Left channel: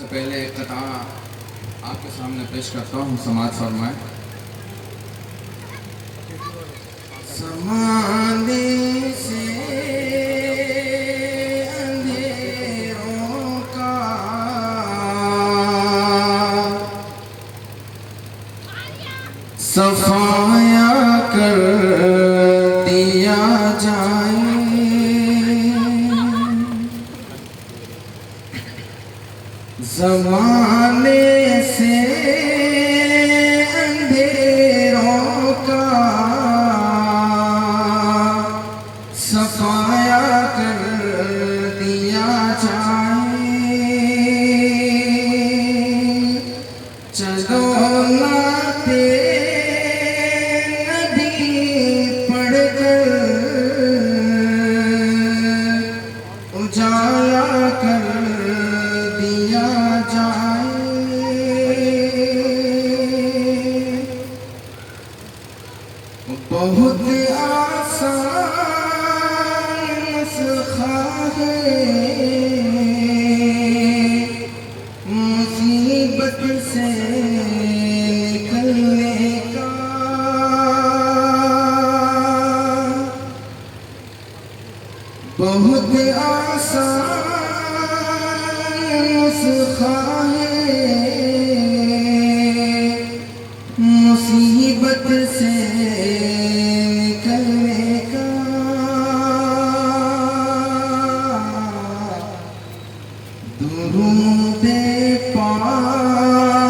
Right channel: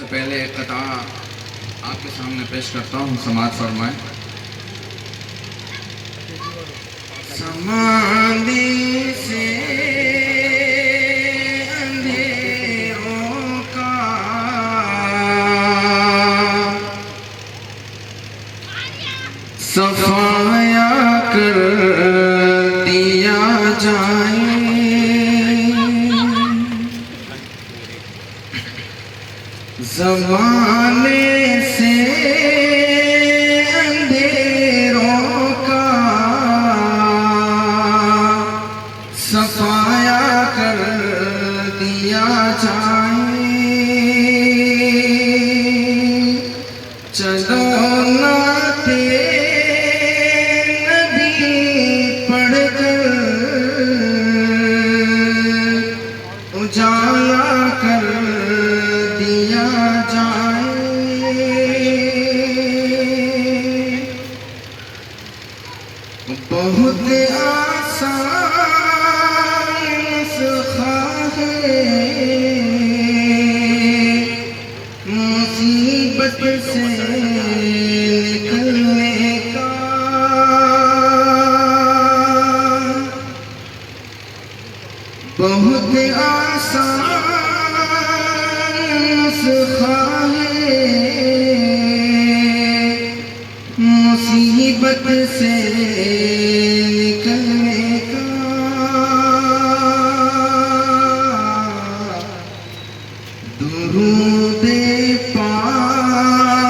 سے پہلے ایک قطعہ آپ کے سامنے پیش کرتا ہوں، سماعت فرمائیں۔ زمانے سے اندھیروں کا صفایا کر دیا جائے، زمانے سے اندھیروں کا صفایا کر دیا جائے، چلو ناطے نبی پڑھ کر اجالا کر دیا جائے، بہت آسان نسخہ ہے مصیبت سے نکلنے کا، بہت آسان نسخہ ہے مصیبت سے نکلنے کا، درود پاک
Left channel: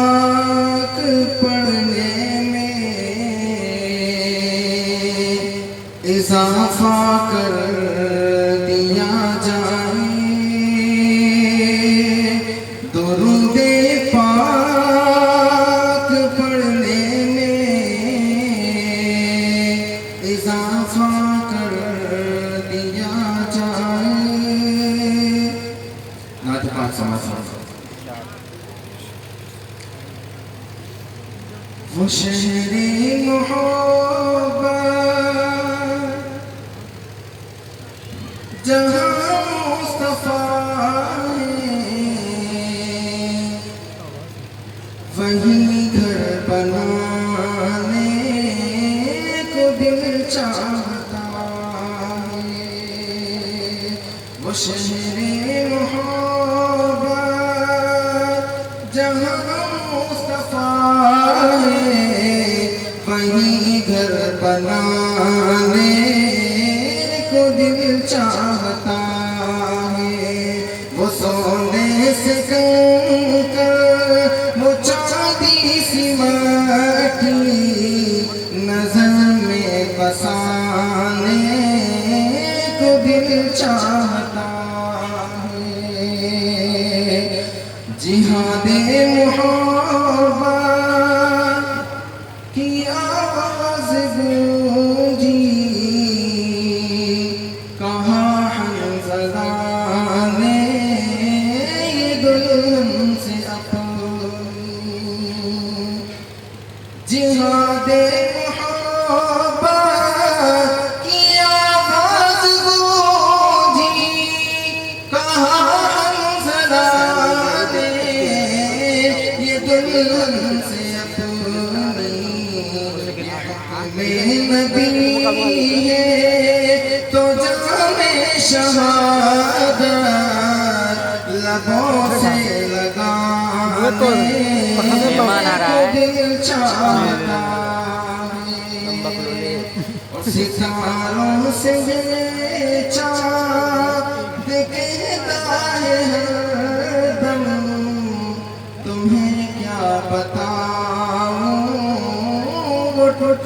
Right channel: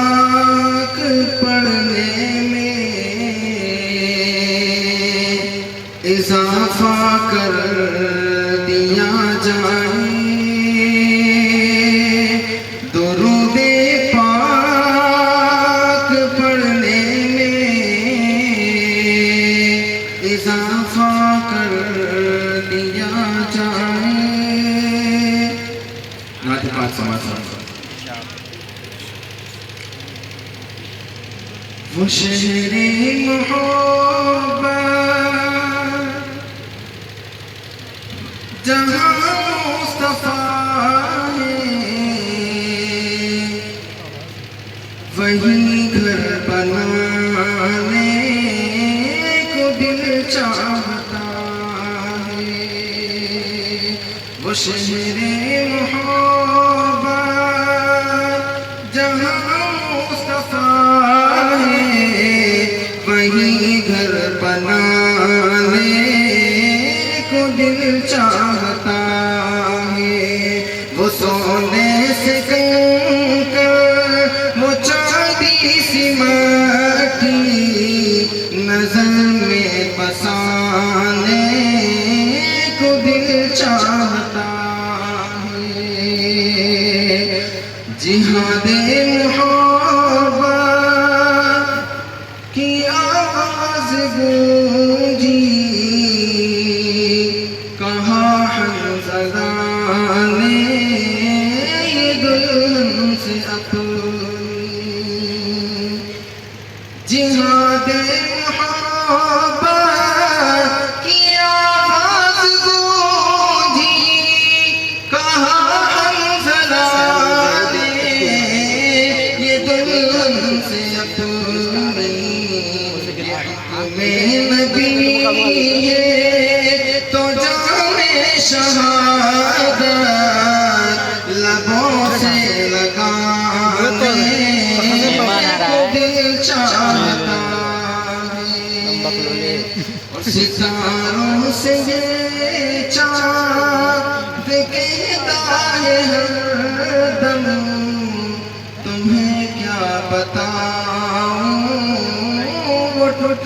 پڑھنے میں اضافہ کر دیا جائے، درود پاک پڑھنے میں اضافہ کر دیا جائے۔ نعت پاک سماعت فرمائیں۔ وہ شہر محبت جہاں مصطفیٰ ہے، وہی گھر بنانے کو دل چاہتا ہے، وہ شہر محبت جہاں مصطفیٰ ہے، وہی گھر بنانے کو دل چاہتا ہے، وہ سونے سے کنکر وہ چاندی سی مٹی نظر میں بسانے کو دل چاہتا ہے، جہاد محبت کی آواز گونجی، کہا حنظلہ نے یہ دلہن سے اپنی، جہاد محبت کی آواز گونجی، کہا حنظلہ نے یہ دلہن سے اپنی، میں نبی ہے تو جانے شہادت لبوں سے لگانے کو دل چاہتا ہے، اور ستاروں سے یہ چاند کہتا ہے ہر دم، تمہیں کیا بتاؤں وہ ٹوٹ